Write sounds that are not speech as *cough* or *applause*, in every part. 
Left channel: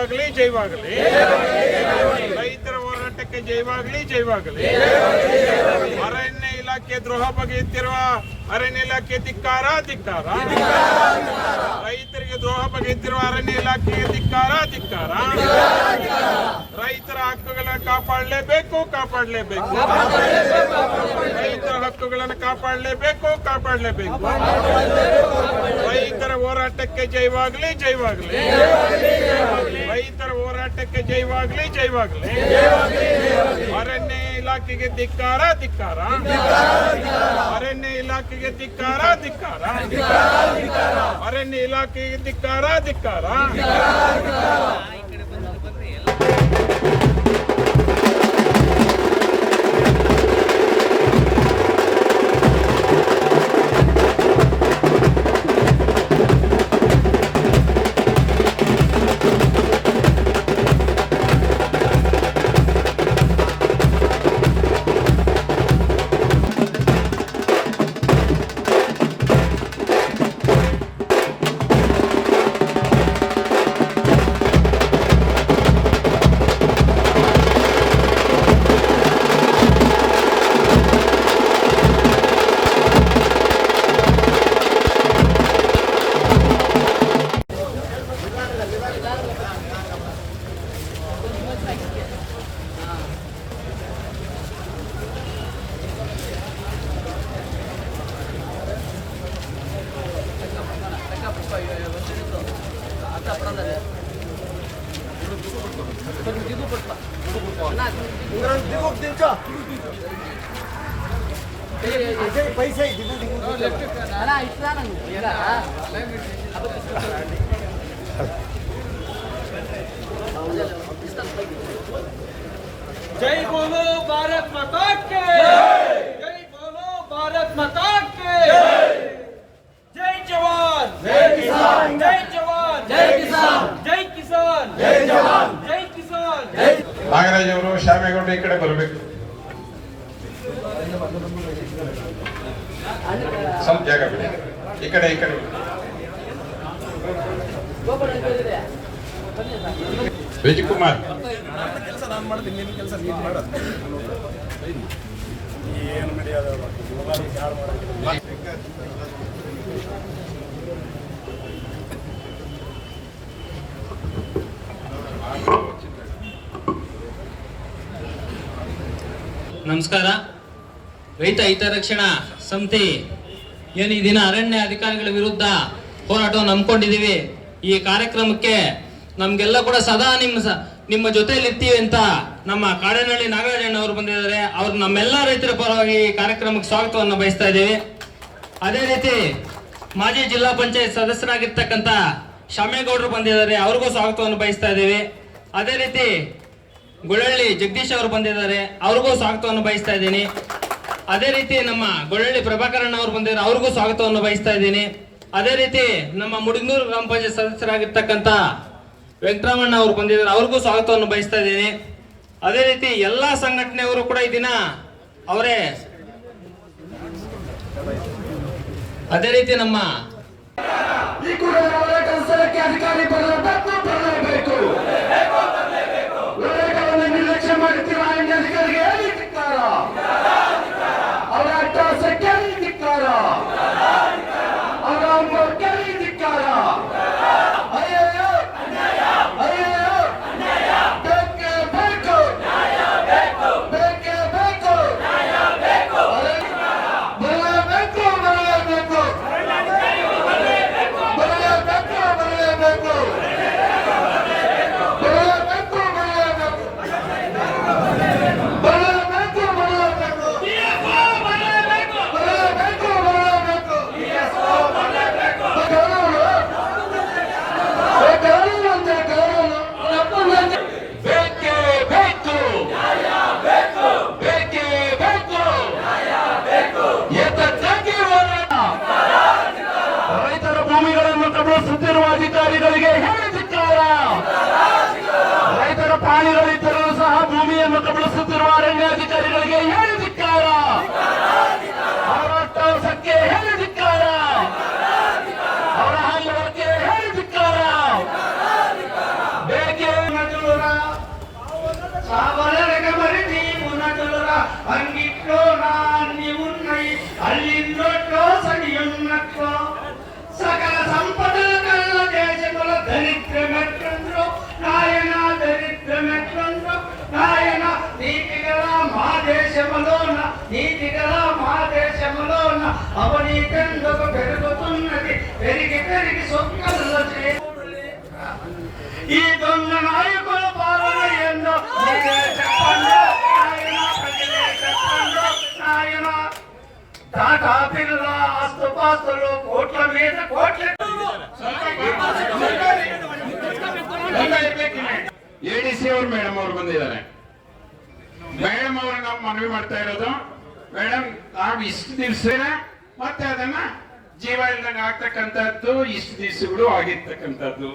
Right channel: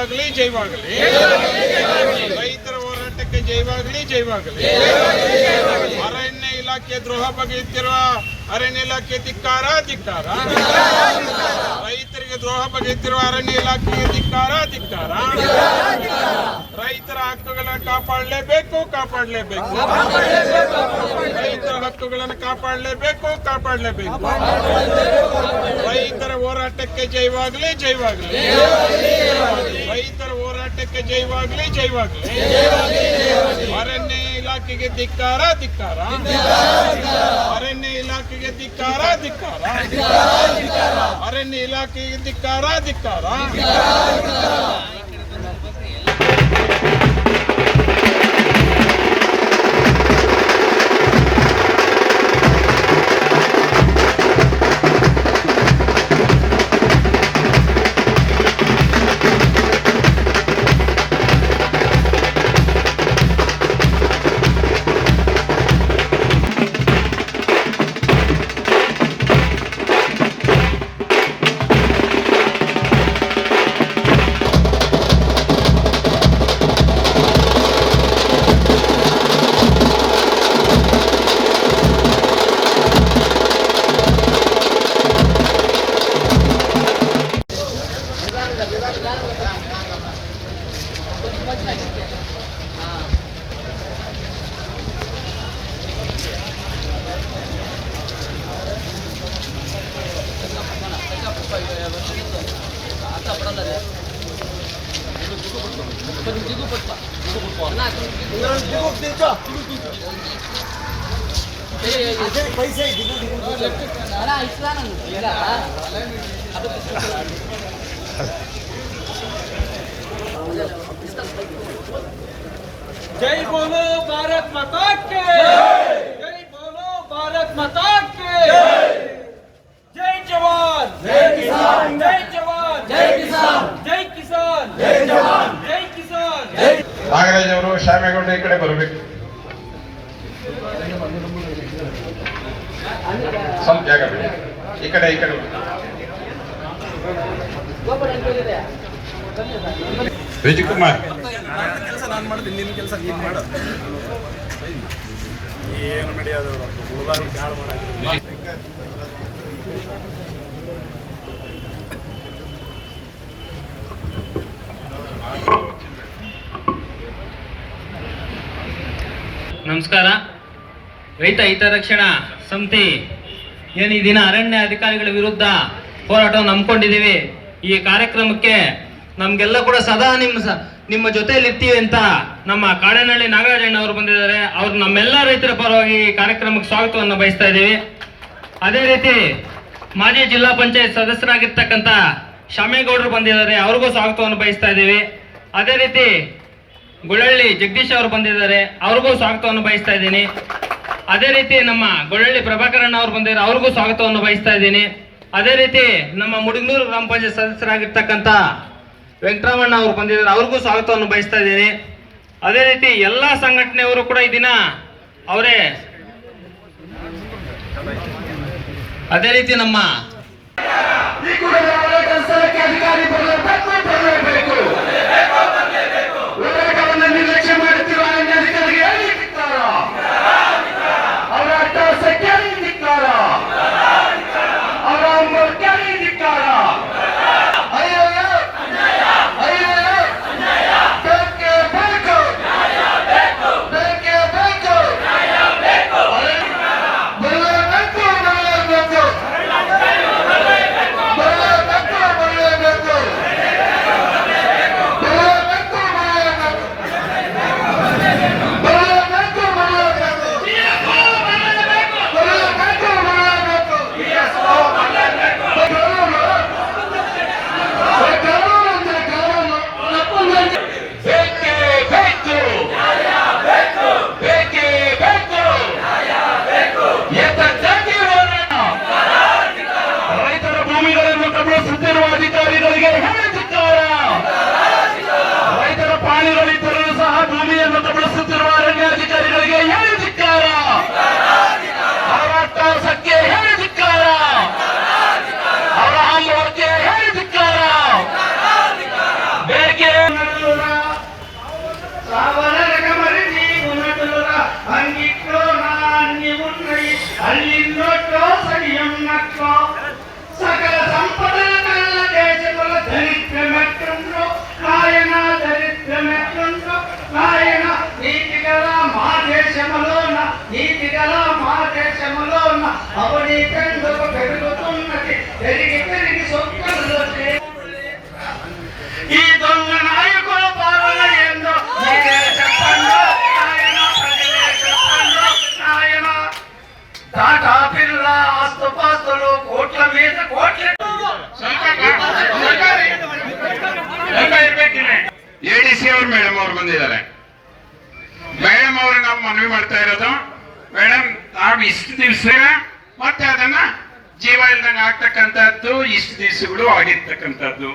ಜೈವಾಗ್ಲಿ ಜೈವಾಗಲಿ ರೈತರ ಹೋರಾಟಕ್ಕೆ ಜೈವಾಗಲಿ ಜೈವಾಗಲಿ ಅರಣ್ಯ ಇಲಾಖೆ ದ್ರೋಹ ಬಗೆಯುತ್ತಿರುವ ಅರಣ್ಯ ಇಲಾಖೆ ಧಿಕ್ಕಾರ ಧಿಕ್ಕಾರ. ರೈತರಿಗೆ ದ್ರೋಹ ಬಗೆಯುತ್ತಿರುವ ಅರಣ್ಯ ಇಲಾಖೆಗೆ ಧಿಕ್ಕಾರ ಧಿಕ್ಕಾರ. ರೈತರ ಹಕ್ಕುಗಳನ್ನು ಕಾಪಾಡಲೇಬೇಕು ಕಾಪಾಡಲೇಬೇಕು. ರೈತರ ಹಕ್ಕುಗಳನ್ನು ಕಾಪಾಡಲೇಬೇಕು ಕಾಪಾಡಲೇಬೇಕು. ರೈತರ ಹೋರಾಟಕ್ಕೆ ಜೈವಾಗ್ಲಿ ಜೈವಾಗ್ಲಿ ರೈತರ ಹೋರಾಟಕ್ಕೆ ಜೈವಾಗ್ಲಿ ಜೈವಾಗ್ಲಿ ಅರಣ್ಯ ಇಲಾಖೆಗೆ ಧಿಕ್ಕಾರ ಧಿಕ್ಕಾರ. ಅರಣ್ಯ ಇಲಾಖೆಗೆ ಧಿಕ್ಕಾರ ಧಿಕ್ಕಾರ. ಅರಣ್ಯ ಇಲಾಖೆಗೆ ಧಿಕ್ಕಾರ ಧಿಕ್ಕಾರ. ಪೈಸೆ ಅಲ್ಲ ಇಷ್ಟ ನಾನು जय बोलो भारत माता के जय बोलो भारत माता के जय जवान जय किसान जय जवान जय किसान जय किसान जय जवान जय किसान ನಾಗರಾಜ್ ಅವರು ಶ್ಯಾಮೇಗೌಡ ಈ ಕಡೆ ಬರಬೇಕು ಸ್ವಲ್ಪ ಜಾಗ ಬಿಡಿ ಈ ಕಡೆ ಈ ಕಡೆ ವಿಜಯಕುಮಾರ್ ನಮಸ್ಕಾರ. ರೈತ ಹಿತರಕ್ಷಣಾ ಸಮಿತಿ ಏನು ಈ ದಿನ ಅರಣ್ಯ ಅಧಿಕಾರಿಗಳ ವಿರುದ್ಧ ಹೋರಾಟವನ್ನು ಹಮ್ಮಿಕೊಂಡಿದ್ದೀವಿ. ಈ ಕಾರ್ಯಕ್ರಮಕ್ಕೆ ನಮಗೆಲ್ಲ ಕೂಡ ಸದಾ ನಿಮ್ಮ ನಿಮ್ಮ ಜೊತೆಯಲ್ಲಿ ಇರ್ತೀವಿ ಅಂತ ನಮ್ಮ ಕಾಡನಹಳ್ಳಿ ನಾಗರಾಜಣ್ಣ ಅವರು ಬಂದಿದ್ದಾರೆ. ಅವ್ರು ನಮ್ಮೆಲ್ಲ ರೈತರ ಪರವಾಗಿ ಕಾರ್ಯಕ್ರಮಕ್ಕೆ ಸ್ವಾಗತವನ್ನು ಬಯಸ್ತಾ ಇದ್ದೀವಿ. ಅದೇ ರೀತಿ ಮಾಜಿ ಜಿಲ್ಲಾ ಪಂಚಾಯತ್ ಸದಸ್ಯರಾಗಿರ್ತಕ್ಕಂಥ ಶಾಮೇಗೌಡರು ಬಂದಿದ್ದಾರೆ. ಅವ್ರಿಗೂ ಸ್ವಾಗತವನ್ನು ಬಯಸ್ತಾ ಇದ್ದೀವಿ. ಅದೇ ರೀತಿ ಗೊಳ್ಳಳ್ಳಿ ಜಗದೀಶ್ ಅವರು ಬಂದಿದ್ದಾರೆ. ಅವ್ರಿಗೂ ಸ್ವಾಗತವನ್ನು ಬಯಸ್ತಾ ಇದ್ದೀನಿ. ಅದೇ ರೀತಿ ನಮ್ಮ ಗೊಳ್ಳಳ್ಳಿ ಪ್ರಭಾಕರಣ್ಣ ಅವರು ಬಂದಿದ್ದಾರೆ. ಅವ್ರಿಗೂ ಸ್ವಾಗತವನ್ನು ಬಯಸ್ತಾ ಇದ್ದೀನಿ. ಅದೇ ರೀತಿ ನಮ್ಮ ಮುಡಿಗನೂರು ಗ್ರಾಮ ಪಂಚಾಯತ್ ಸದಸ್ಯರಾಗಿರ್ತಕ್ಕಂಥ ವೆಂಕಟರಾಮಣ್ಣ ಅವರು ಬಂದಿದ್ದಾರೆ. ಅವ್ರಿಗೂ ಸ್ವಾಗತವನ್ನು ಬಯಸ್ತಾ ಇದ್ದೀನಿ. ಅದೇ ರೀತಿ ಎಲ್ಲ ಸಂಘಟನೆಯವರು ಕೂಡ ಈ ದಿನ ಅವರೇ ಅದೇ ರೀತಿ ನಮ್ಮ మా దేశములోన అవనీతందుకు పెరుగుతున్నది పెరిగి పెరిగి సొక్కల్లో ఈ దొంగ నాయకుల పాలన ఏందో మీరే చెప్పండి నాయన ప్రజలే చెప్పండి నాయన టాటా పిల్ల ఆస్తుపాస్తులు కోట్ల మీద కోట్ల ಎಡಿಸಿ ಅವ್ರು ಮೇಡಮ್ ಅವ್ರು ಬಂದಿದ್ದಾರೆ ಮೇಡಮ್ ಅವ್ರು ನಾವು ಮನವಿ ಮಾಡ್ತಾ ಇರೋದು ಮೇಡಮ್ ನಾವು ಇಷ್ಟು ದಿವಸ ಮತ್ತೆ ಅದನ್ನ ಜೀವ ಇಲ್ದಂಗೆ ಆಗ್ತಕ್ಕಂಥದ್ದು, ಇಷ್ಟು ದಿವಸಗಳು ಆಗಿರ್ತಕ್ಕಂಥದ್ದು.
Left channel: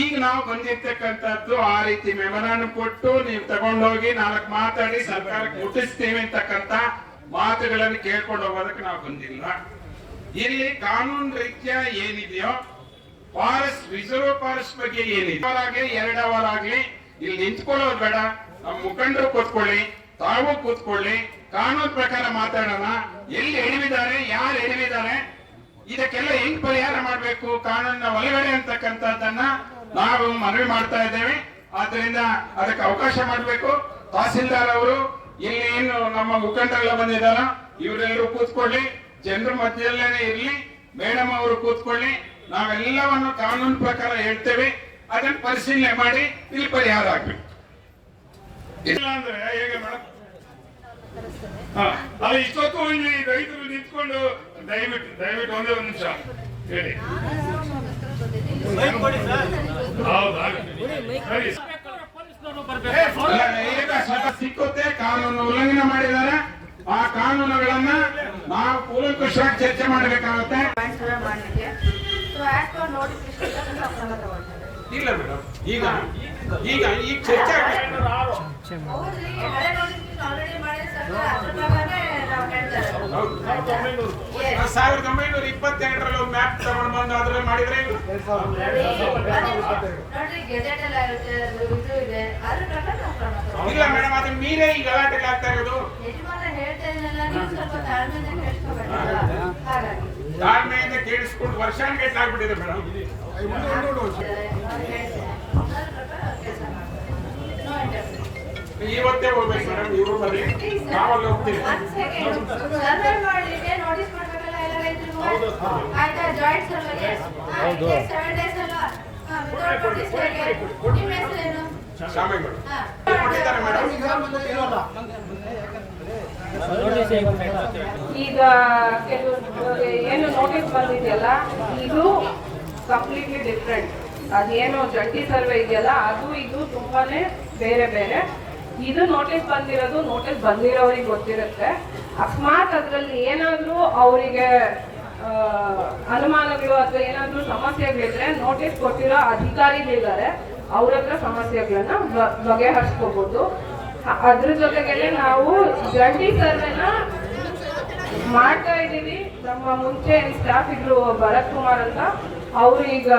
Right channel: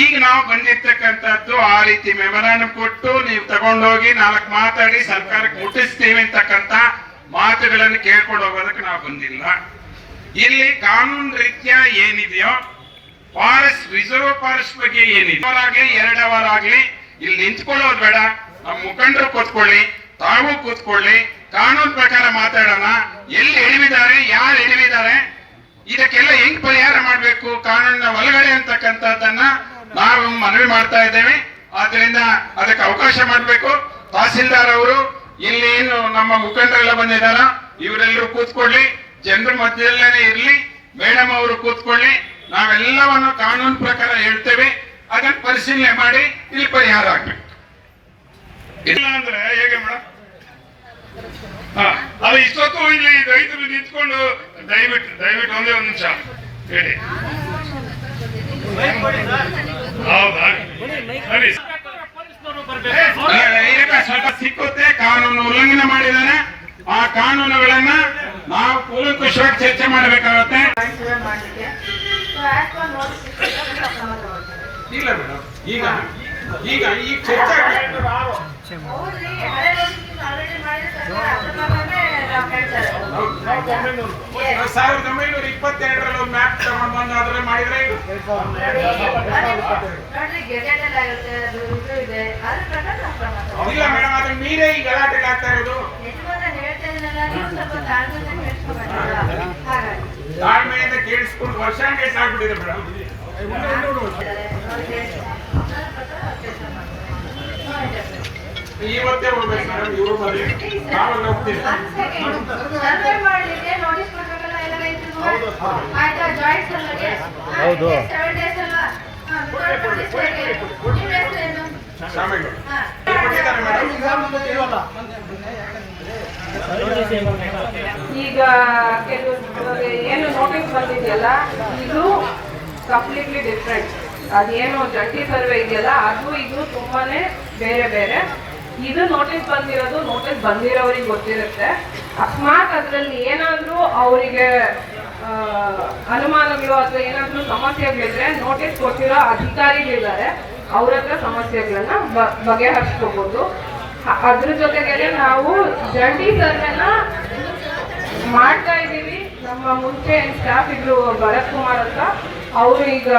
ಈಗ ನಾವು ಬಂದಿರ್ತಕ್ಕಂಥದ್ದು ಆ ರೀತಿ ಮೆಮೊರಾಂಡಮ್ ಕೊಟ್ಟು ನೀವು ತಗೊಂಡೋಗಿ ನಾಲ್ಕು ಮಾತಾಡಿ ಸರ್ಕಾರಕ್ಕೆ ಮುಟ್ಟಿಸ್ತೀವಿ ಅಂತಕ್ಕಂಥ ಮಾತುಗಳನ್ನು ಕೇಳ್ಕೊಂಡು ಹೋಗೋದಕ್ಕೆ ನಾವು ಬಂದಿಲ್ಲ. ಇಲ್ಲಿ ಕಾನೂನು ರೀತಿಯ ಏನಿದೆಯೋ, ಫಾರೆಸ್ಟ್, ರಿಸರ್ವ್ ಫಾರೆಸ್ಟ್ ಬಗ್ಗೆ ಏನಿದೆ ಅವರಾಗ್ಲಿ ಎರಡವರಾಗ್ಲಿ ಇಲ್ಲಿ ನಿಂತ್ಕೊಳ್ಳೋದು ಬೇಡ. ನಮ್ಮ ಮುಖಂಡರು ಕೂತ್ಕೊಳ್ಳಿ. ತಾವು ಕೂತ್ಕೊಳ್ಳಿ, ಕಾನೂನು ಪ್ರಕಾರ ಮಾತಾಡೋಣ, ಎಲ್ಲಿ ಎಳಿವಿದ್ದಾರೆ ಯಾರು ಎಳಿವಿದ್ದಾರೆ ಇದಕ್ಕೆಲ್ಲ ಹೆಂಗ್ ಪರಿಹಾರ ಮಾಡಬೇಕು, ಕಾನೂನಿನ ಒಳಗಡೆ ಅಂತಕ್ಕಂಥದ್ದನ್ನ ನಾವು ಮನವಿ ಮಾಡ್ತಾ ಇದ್ದೇವೆ. ಆದ್ರಿಂದ ಅದಕ್ಕೆ ಅವಕಾಶ ಮಾಡಬೇಕು. ತಹಸೀಲ್ದಾರ್ ಅವರು, ಇಲ್ಲಿ ಏನು ನಮ್ಮ ಮುಖಂಡರೆಲ್ಲ ಬಂದಿದಾರ ಇವರೆಲ್ಲರೂ ಕೂತ್ಕೊಳ್ಳಿ. ಜನರ ಮಧ್ಯದಲ್ಲೇ ಇರಲಿ. ಮೇಡಮ್ ಅವರು ಕೂತ್ಕೊಳ್ಳಿ. ನಾವೆಲ್ಲವನ್ನು ಕಾನೂನು ಪ್ರಕಾರ ಹೇಳ್ತೇವೆ. ಅದನ್ನು ಪರಿಶೀಲನೆ ಮಾಡಿ, ಇಲ್ಲಿ ಪರಿಹಾರ ಆಗ್ಬೇಕು. ಇಲ್ಲ ಅಂದ್ರೆ ಹೇಗೆ ಮೇಡಮ್ ಹಾ ಅದು ಇಷ್ಟೊತ್ತು ಇಲ್ಲಿ ರೈತರು ನಿಂತ್ಕೊಂಡು ದಯವಿಟ್ಟು ದಯವಿಟ್ಟು ಒಂದೇ ಒಂದು ನಿಮಿಷ ಹೇಳಿ. ಹೌದಾ? ಸರಿ. ಸ್ವಲ್ಪ ಸಿಕ್ಕುತ್ತೆ ಕಾನೂನು ಉಲ್ಲಂಘನೆ ಮಾಡಿದಾನೆ. ಆ ಕಾನೂನುಗಳನ್ನ ನಾವು ಕೂಲಂಕುಷವಾಗಿ ಚರ್ಚೆ ಮಾಡಬೇಕಾಗತ್ತೆ. ಇಲ್ಲ ಮೇಡಮ್ ಈಗ ಈಗ ಈಗ ಚರ್ಚೆ ಸಾವಿರದ ಒಂಬೈನೂರ ಇಪ್ಪತ್ತೆರಡರಲ್ಲಿ ಒಂದು ಮ್ಯಾಪ್ ತಗೊಂಡು ಬಂದು ಅದ್ರಲ್ಲಿ ಮಾಡಿದ್ರೆ ಇಲ್ಲ ಮೇಡಮ್ ಅದನ್ನ ಮೀರೇ ಈ ಗಲಾಟೆ ಆಗ್ತಾ ಇರೋದು. ತಾಳ್ಮೆಯಿಂದ ಕೇಳಿಸ್ಕೊಂಡು ವರ್ಷ ಆಗ್ಬಿಟ್ಟಿದೆ ಮೇಡಮ್. ಹೌದು. ಈಗ ಕೆಲವರು ಏನು ನೋಟಿಸ್ ಬಂದಿದೆಯಲ್ಲ ಇದು ಕಂಪ್ಲೀಟ್ಲಿ ಡಿಫ್ರೆಂಟ್ ಅದೇನು ಜಂಟಿ ಸರ್ವೆ ಇದೆಯಲ್ಲ ಅದು ಇದು ತುಂಬಾನೇ ಬೇರೆ ಬೇರೆ. ಇದು ನೋಟಿಸ್ ಬಂದಿರೋದು ನೋಟಿಸ್ ಬಂದಿರೋರಿಗೆ ಗೊತ್ತಿರುತ್ತೆ. ಅಕಸ್ಮಾತ್ ಅದರಲ್ಲಿ ಏನಾದರೂ ಅವರಿಗೆ ಅನುಮಾನಗಳು ಅಥವಾ ಏನಾದರೂ ಸಮಸ್ಯೆಗಳಿದ್ರೆ ನೋಟಿಸ್ ಕೊಟ್ಟಿರೋ ಅಧಿಕಾರಿಗಳಿದ್ದಾರೆ. ಅವ್ರ ಹತ್ರ ಸಮಸ್ಯೆಗಳನ್ನ ಬಗೆಹರಿಸ್ಕೋಬಹುದು ಅದ್ರ ಜೊತೆಗೆ ನಾವು ಜಂಟಿ ಸರ್ವೆನ ಮಾಡ್ತಾ ಇದ್ದೀವಿ. ನಮ್ಮ ಮುಂಚೆ ಸ್ಟಾಫ್ ಇದ್ರು ಭರತ್ ಕುಮಾರ್ ಅಂತ. ಅವರು ಈಗ,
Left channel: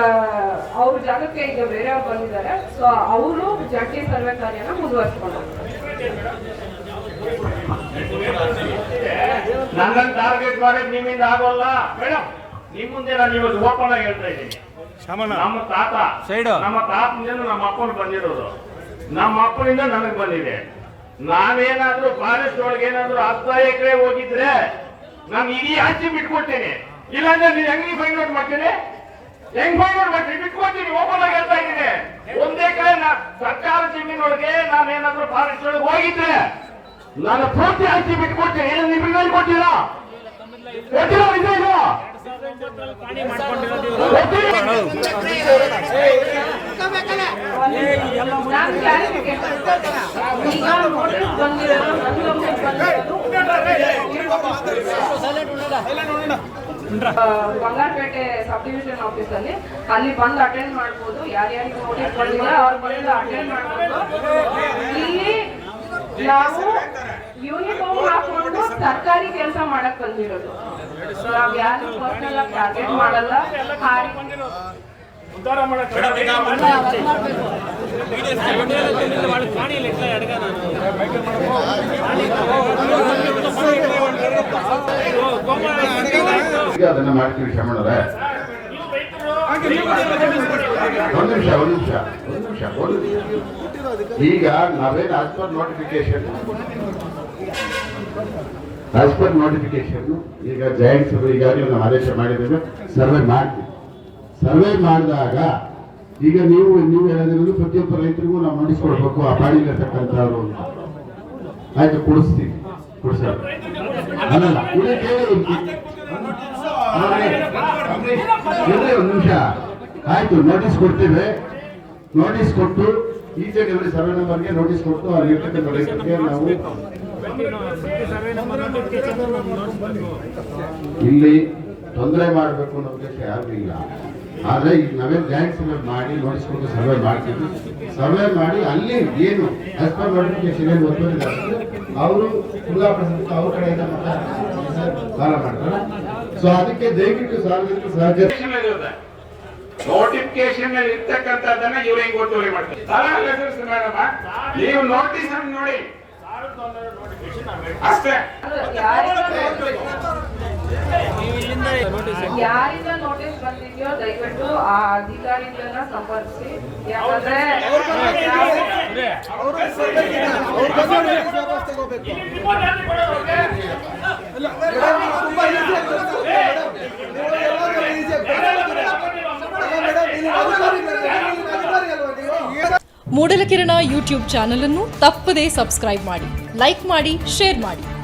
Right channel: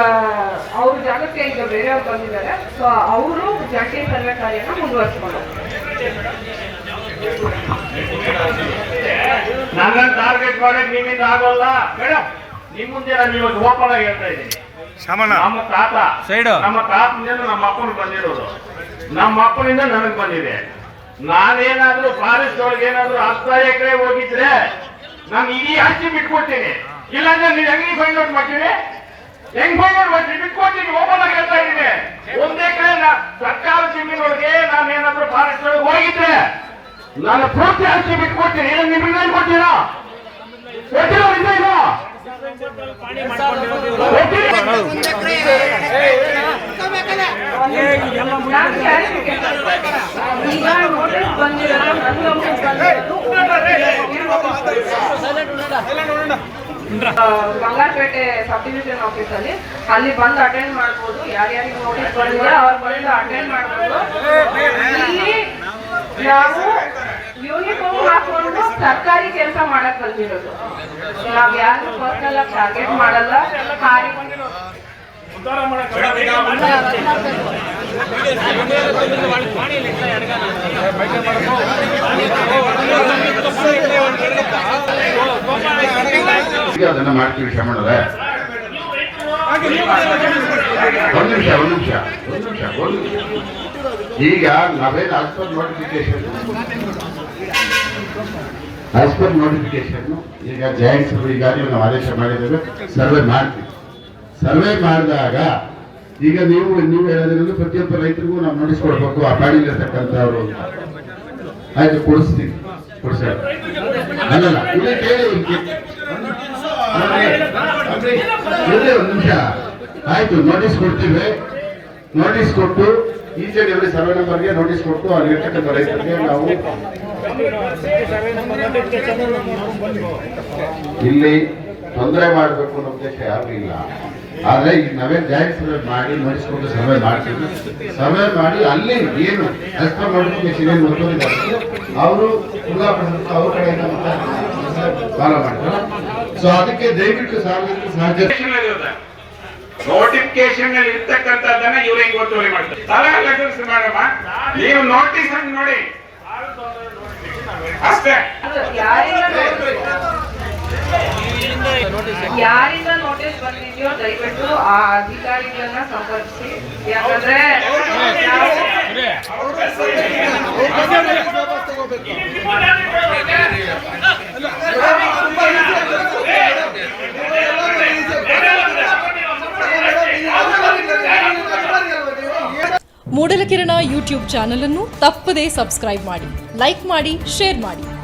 ಅವ್ರ ಜಾಗಕ್ಕೆ ಈಗ ಬೇರೆಯವ್ರು ಬಂದಿದ್ದಾರೆ. ಸೊ ಅವರು ಜಂಟಿ ಸರ್ವೆ ಕಾರ್ಯನ ಮುಂದುವರ್ಸ್ಕೊಂಡು ನನ್ನ ಟಾರ್ಗೆಟ್ ಮಾಡಕ್ ನಿಮ್ಮಿಂದ ಆಗೋಲ್ಲ. ಬೇಡ ನಿಮ್ಮ ಮುಂದೆ ನಾನು ಇವತ್ತು ಓಪನ್ ಆಗಿ ಹೇಳ್ತಾ ಇದ್ದೀನಿ. ನಮ್ಮ ತಾತ ನಮ್ಮ ತಾತನಿಂದ ನಮ್ಮ ಅಪ್ಪನ ಬಂದಿರೋದು. ನಮ್ಮ ಅಪ್ಪನಿಂದ ನನಗೆ ಬಂದಿದೆ. ನಾನೇನಾದ್ರೂ ಫಾರೆಸ್ಟ್ ಒಳಗೆ ಏನಾದ್ರೂ ಹತ್ತು ಎಕರೆ ಹೋಗಿದ್ರೆ ನಾನು ಇಡೀ ಹಂಚಿ ಬಿಟ್ಕೊಡ್ತೀನಿ ಇಲ್ಲಾಂದ್ರೆ ನೀನ್ ಹೆಂಗ್ ಫೈಂಡ್ ಔಟ್ ಮಾಡ್ತೀನಿ ಹೆಂಗ್ ಮಾಡ್ತೀನಿ ಬಿಟ್ಕೊಡ್ತೀನಿ ಓಪನ್ ಆಗಿ ಹೇಳ್ತಾ ಇದ್ದೀನಿ ಒಂದೇ ಕಡೆ ಸರ್ಕಾರ ಜಮೀನೊಳಗೆ ನಾನು ಏನಾದ್ರೂ ಫಾರೆಸ್ಟ್ ಒಳಗೆ ಹೋಗಿದ್ರೆ ನಾನು ಪೂರ್ತಿ ಅರ್ಜಿ ಬಿಟ್ಕೊಡ್ತೀನಿ ಏನು ನಿಮ್ಗೆ ಏನ್ ಕೊಡ್ತೀರಾ ಕೊಟ್ಟಿರೋ ಇದು? ಬಂಗಾರಪೇಟೆ ಸಬ್ ಡಿವಿಷನ್ ಆಫೀಸ್ ಅಲ್ಲಿ. ಅಲ್ಲಿ ಬಂದು ಅಟೆಂಡ್ ಮಾಡ್ಬೋದು. ಯಾರ್ಯಾರಿಗೆ ನೋಟಿಸ್ ಬಂದಿದೆ ಅವ್ರು ಬಂದು ಅಟೆಂಡ್ ಮಾಡ್ಬೋದು. ಇಲ್ಲಿ ನಾವು ಯೂನಿಫಾರ್ಮ್ ಹಾಕೊಂಡು ಸರ್ಕಾರಿ ಕೆಲಸ ಮಾಡಕ್ ಬಂದಿರೋದು. ನಾವ್ ಯಾರು ಪರ್ಸನಲ್ ಆಗಿ ಟಾರ್ಗೆಟ್ ಮಾಡಲ್ಲ. ಹಾರಿ ಈಗ *laughs* ಅದನ್ನ ಮಾಡ್ತೀವಿ ಒಂದು ನಿಮಿಷ ಒಂದು ನಿಮಿಷ ಒಂದು ನಿಮಿಷ ಈಗ ನಾವೇನು ನೋಟಿಫಿಕೇಶನ್ ನೋಟಿಫಿಕೇಶನ್ ಈಗ ಜಾಯಿಂಟ್ ಈಗಾಗಲೇ ಈಗ ನೀವು ನಾವು ಆದೇಶ ಮಾಡಿದ್ದೇವೆ ಸರ್ವೆ ಮಾಡ್ತೀವಿ. ಸರ್ವೆ ಮಾಡಿದಾಗ ಈಗ ನೀವು ನೀವು ಹೇಳೋದ್ರಿಂದ ಪ್ರತಿಯೊಬ್ಬ ರೈತರಿಗೂ ನಾವು ನೋಟಿಸ್ಕೊಡ್ಬೇಕು ಆ ಪಾಣಿಲಿರ್ತಕ್ಕಂಥವ್ರು ಅಂತ. ಆಯ್ತು ಕೊಡಿಸ್ತೀವಿ ಕೊಡಿಸ್ತಾರೆ ಅಲ್ಲಲ್ಲ ಒಂದು ನಿಮಿಷ. ಆಯ್ತು ನೋಟಿಸ್ ಕೊಡ್ತೀವಿ. ನೋಟಿಸ್ ಕೊಟ್ಟು, ಈ ಜೆ ಡಿ ಸರ್ವೆ ನಂಬರ್ಗೆ ನೋಟಿಸ್ ಕೊಟ್ಟು ಅಲ್ಲಿರ್ತಕ್ಕಂಥ ರೈತರಿಗೆ ನಾವು ಇಲ್ಲಿ ತೊಂದರೆ ಮಾಡಬೇಕು ಅನ್ನೋ ಉದ್ದೇಶ ಯಾರು ಇಲ್ಲ. ಆದ್ರೆ ಈಗ ನಾವೇ ಜಾಯಿಂಟ್ ಸರ್ವೆ ಮಾಡಿ ನಡೆಸ್ಕೊಂಡು ಸರ್ವೆ ಮಾಡ್ತೀವಿ ಸರ್ವೆ ಮಾಡಿ ಅಲ್ಲಿ ಏನು ಕಷ್ಟ ನೋಟಿಫಿಕೇಶನ್ ಏನು ಒತ್ತುವರಿ ಅವರು ಅವ್ರ ಕಡೆಯಿಂದ ಫಾಲೋ ಮಾಡ್ತಾರೆ. ಸೊ ಅದಕ್ಕೆ ದಯವಿಟ್ಟು ಸಾರ್ವಜನಿಕ ಸಹಜ ನೋಟಿಫಿಕೇಶನ್ ಅಲ್ಲಿ ಇರ್ತಕ್ಕಂಥದ್ದನ್ನ ಇವರು ಹೆಂಗ್ ಒತ್ತುವರಿ ಮಾಡ್ತಾರೆ? ತಲಾ ಲೆಟರ್ಸ್ ಮಾಡಮ್ಮ. ನೀವು ನೋಟಿಸ್ ಹಂಗ್ ನೋಡಿ. ಅಷ್ಟೇ. ಯಾರಿಂದ ನೋಟಿಸ್ ಬಂದಿದೆಯೋ ದಯವಿಟ್ಟು ಆ ಅಧಿಕಾರಿಗಳನ್ನ ಸಂಪರ್ಕಿಸಿ. ಯಾಕಂದ್ರೆ ಮೂಡಲಕಿರಣ ಯೂಟ್ಯೂಬ್ ಚಾನಲ್ ಅನ್ನು ತಪ್ಪದೇ ಸಬ್ಸ್ಕ್ರೈಬ್ ಮಾಡಿ, ಲೈಕ್ ಮಾಡಿ, ಶೇರ್ ಮಾಡಿ.